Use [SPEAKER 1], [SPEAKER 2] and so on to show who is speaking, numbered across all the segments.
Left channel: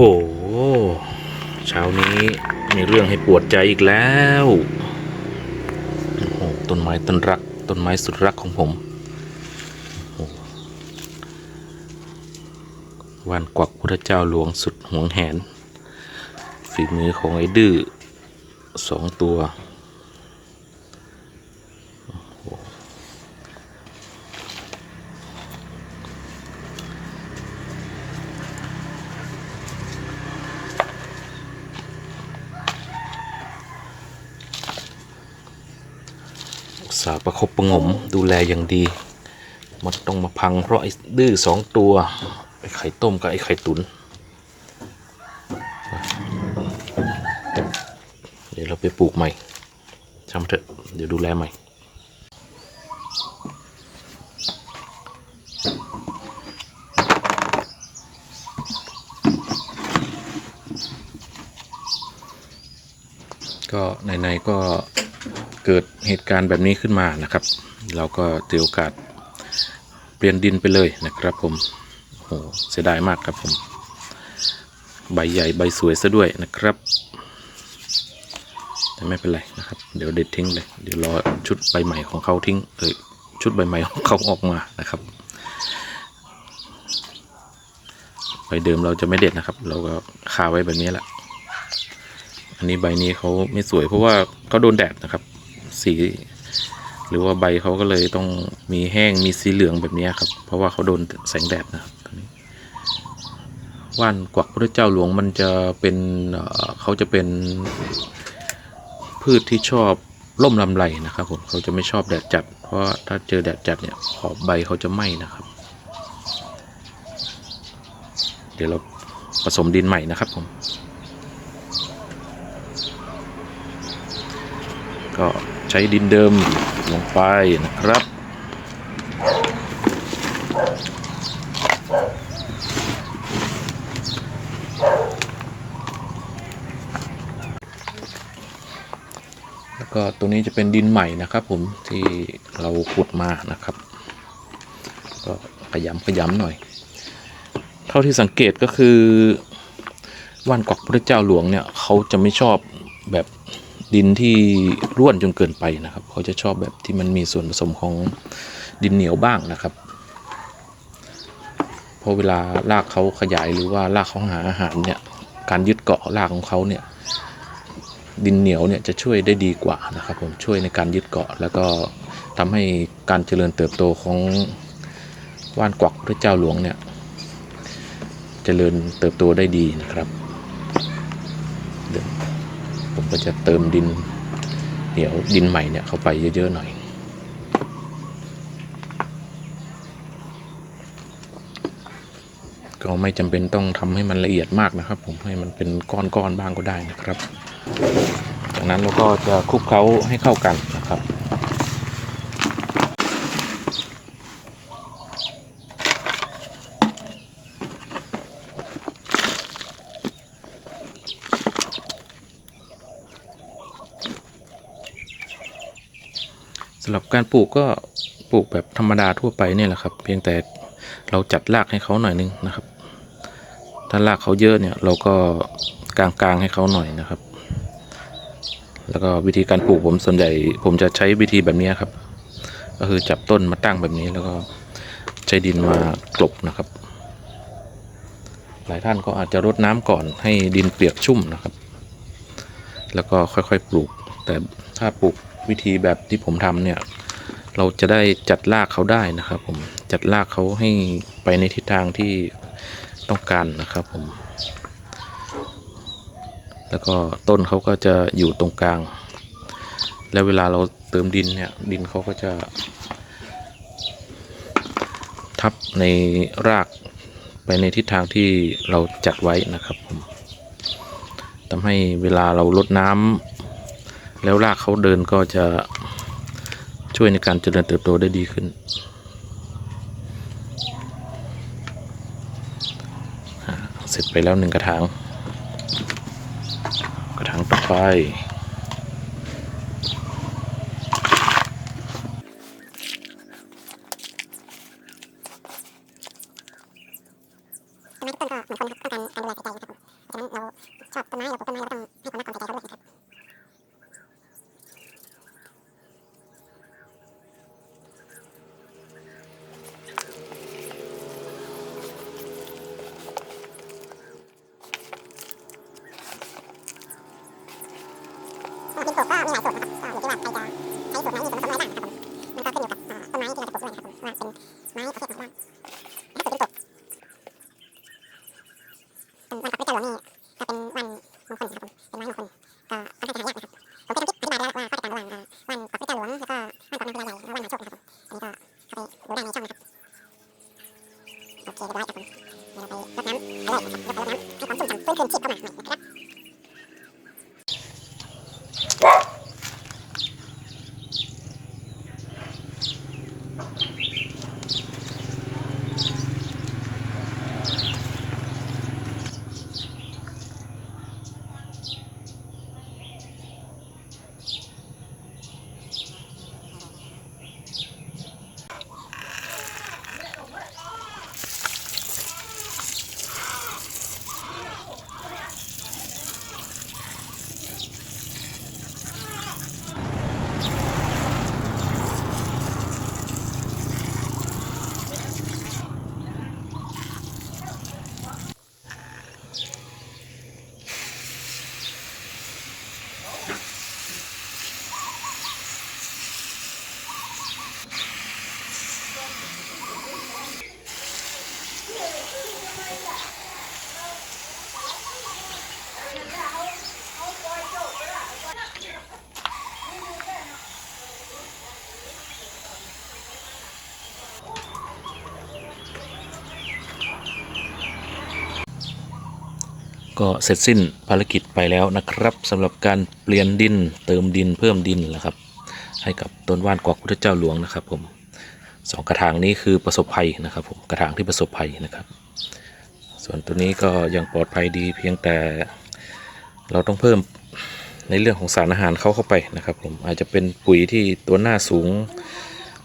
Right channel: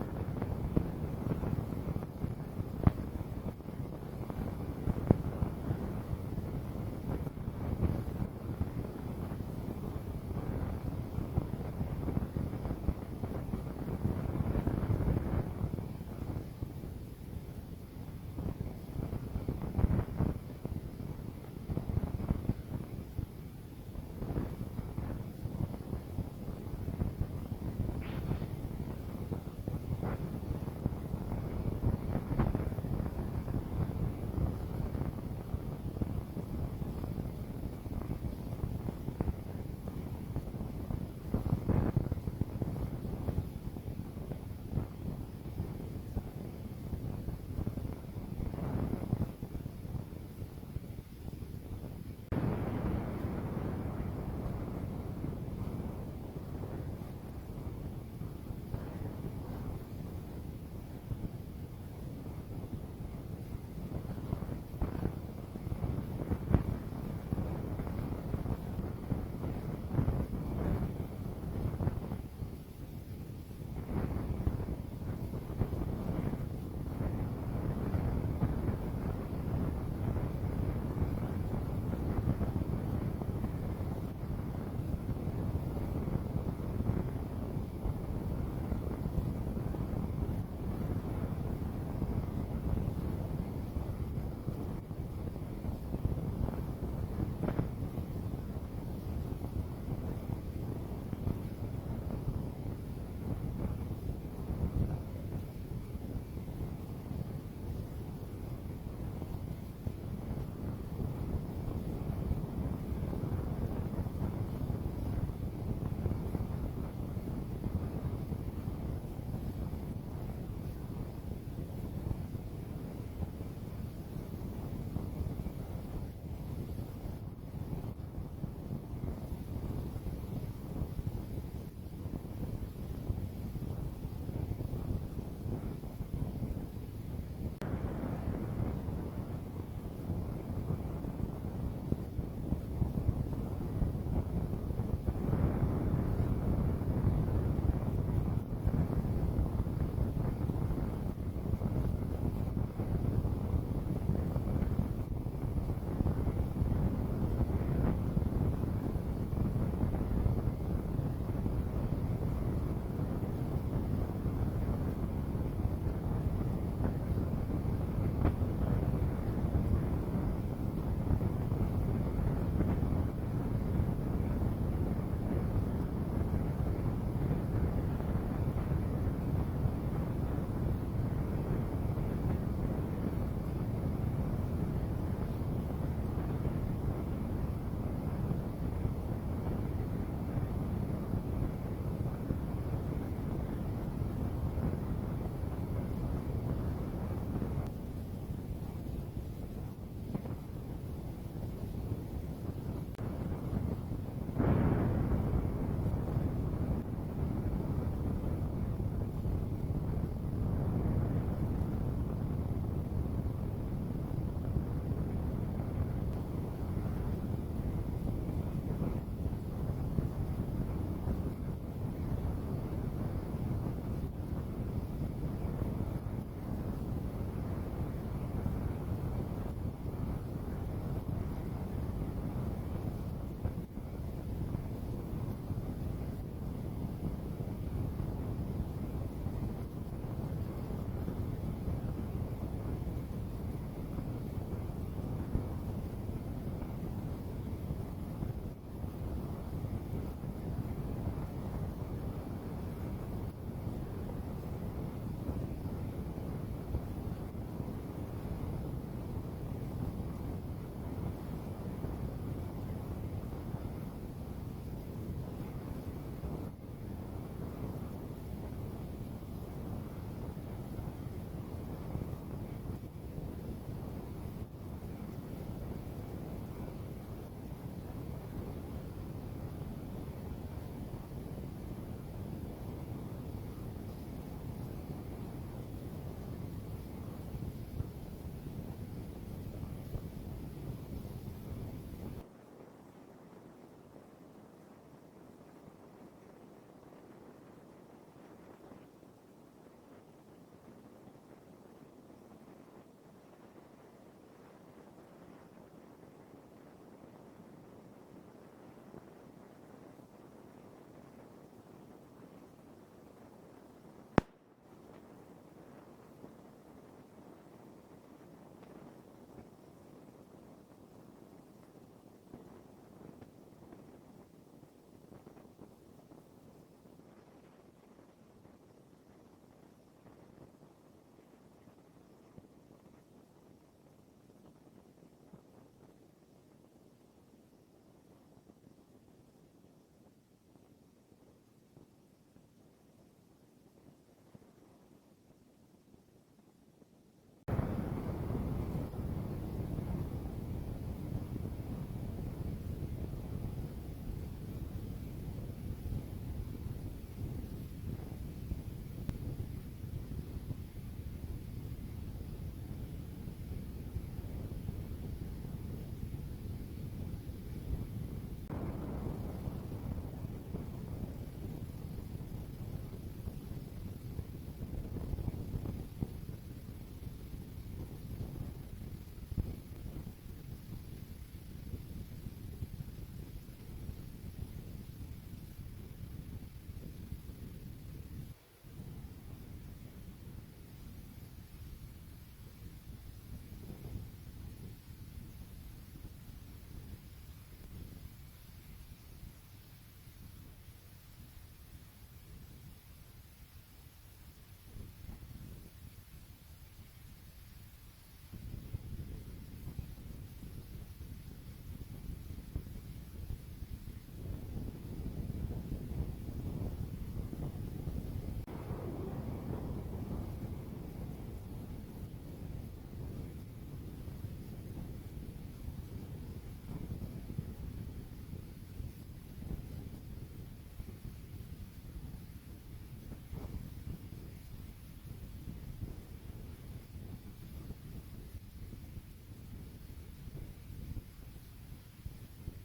[SPEAKER 1] หเช้านี้มีเรื่องให้ปวดใจอีกแล้วโอ้โหต้นไม้ต้นรัก ต้นไม้สุดรักของผมวันกวักพระเจ้าหลวงสุดหวงแหน ฝีมือของไอ้ดื้อสองตัวาประคบประงมดูแลอย่างดี มันต้องมาพังเพราะไอ้ดื้อสองตัวไอ้ไข่ต้มกับไอ้ไข่ตุนเดี๋ยวเราไปปลูกใหม่ช่างมันเถอะเดี๋ยวดูแลใหม่ก็ในๆก็ เกิดเหตุการณ์แบบนี้ขึ้นมานะครับ เราก็ถือโอกาสเปลี่ยนดินไปเลยนะครับผมโอ้เสียดายมากครับผม ใบใหญ่ใบสวยซะด้วยนะครับแต่ไม่เป็นไรนะครับ เดี๋ยวเด็ดทิ้งเลย เดี๋ยวรอชุดใบใหม่ของเขาทิ้งเออชุดใบใหม่ของเขาออกมานะครับใบเดิมเราจะไม่เด็ดนะครับ เราก็คาไว้แบบนี้แหละ อันนี้ใบนี้เขาไม่สวยเพราะว่าเขาโดนแดดนะครับ สีหรือว่าใบเขาก็เลยต้องมีแห้งมีสีเหลืองแบบนี้ครับ เพราะว่าเขาโดนแสงแดดนะครับว่านกวักพระเจ้าหลวงมันจะเป็นเขาจะเป็นพืชที่ชอบร่มลำไรนะครับผมเขาจะไม่ชอบแดดจัด เพราะถ้าเจอแดดจัดเนี่ยขอบใบเขาจะไหม้นะครับ เดี๋ยวเราผสมดินใหม่นะครับผมก็ ใช้ดินเดิมลงไปนะครับ แล้วก็ตรงนี้จะเป็นดินใหม่นะครับผมที่เราขุดมานะครับ ก็ขยำขยำหน่อย เท่าที่สังเกตก็คือว่านกวักพระเจ้าหลวงเนี่ยเขาจะไม่ชอบแบบ ดินที่ร่วนจนเกินไปนะครับ เขาจะชอบแบบที่มันมีส่วนผสมของดินเหนียวบ้างนะครับเพราะเวลารากเขาขยายหรือว่ารากเขาหาอาหารเนี่ยการยึดเกาะรากของเขาเนี่ยดินเหนียวเนี่ยจะช่วยได้ดีกว่านะครับผมช่วยในการยึดเกาะ แล้วก็ทำให้การเจริญเติบโตของว่านกวักพระเจ้าหลวงเนี่ยเจริญเติบโตได้ดีนะครับ ผมก็จะเติมดินเหนียวดินใหม่เนี่ยเข้าไปเยอะ ๆ หน่อย ก็ไม่จำเป็นต้องทำให้มันละเอียดมากนะครับ ผมให้มันเป็นก้อน ๆ บ้างก็ได้นะครับ จากนั้นเราก็จะคลุกเคล้าให้เข้ากันนะครับำหรับการปลูกก็ปลูกแบบธรรมดาทั่วไปเนี่ยแหละครับ เพียงแต่เราจัดรากให้เขาหน่อยนึงนะครับ ถ้ารากเขาเยอะเนี่ยเราก็กลางๆให้เขาหน่อยนะครับ แล้วก็วิธีการปลูกผมส่วนใหญ่ผมจะใช้วิธีแบบนี้ครับ ก็คือจับต้นมาตั้งแบบนี้แล้วก็ใช้ดินมากลบนะครับ หลายท่านก็อาจจะรดน้ำก่อนให้ดินเปียกชุ่มนะครับ แล้วก็ค่อยๆปลูกแต่ ถ้าปลูกวิธีแบบที่ผมทำเนี่ย เราจะได้จัดรากเขาได้นะครับผมจัดรากเขาให้ไปในทิศทางที่ต้องการนะครับผม แล้วก็ต้นเขาก็จะอยู่ตรงกลาง แล้วเวลาเราเติมดินเนี่ย ดินเขาก็จะ ทับในรากไปในทิศทางที่เราจัดไว้นะครับผมทำให้เวลาเราลดน้ำ แล้วรากเขาเดินก็จะช่วยในการเจริญเติบโตได้ดีขึ้น เสร็จไปแล้วหนึ่งกระถาง กระถางต่อไป
[SPEAKER 2] เต้นไม้ทุกต้นก็เหมือนคนครับต้องการการดูแลใส่ใจนะครับผมฉะนั้นเราชอบต้นไม้เราปลูกต้นไม้เราต้องให้ความรักความใส่ใจเขาด้วยนะครับ กก็มีหลายสูตรนะครับก็อยู่ที่ว่าใครจะใช้สูตรไหน Fuck! ก็เสร็จ
[SPEAKER 1] สิ้นภารกิจไปแล้วนะครับสำหรับการเปลี่ยนดินเติมดินเพิ่มดินนะครับ ให้กับต้นว่านกวักพุทธเจ้าหลวงนะครับผมสองกระถางนี้คือประสบภัยนะครับผมกระถางที่ประสบภัยนะครับ ส่วนตัวนี้ก็ยังปลอดภัยดีเพียงแต่เราต้องเพิ่มในเรื่องของสารอาหารเข้าเข้าไปนะครับผมอาจจะเป็นปุ๋ยที่ตัวหน้าสูง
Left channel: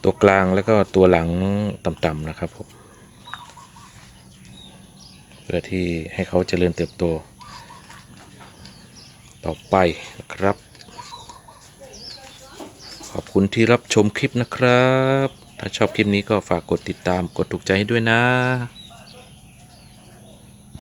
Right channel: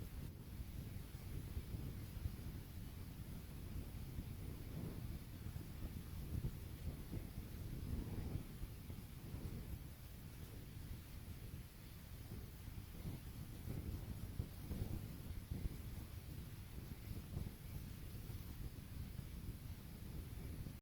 [SPEAKER 1] ตัวกลางแล้วก็ตัวหลังต่ำๆนะครับผม พื่อที่ให้เขาเจริญเติบโต ต่อไปนะครับ ขอบคุณที่รับชมคลิปนะครับ ถ้าชอบคลิปนี้ก็ฝากกดติดตามกดถูกใจให้ด้วยนะ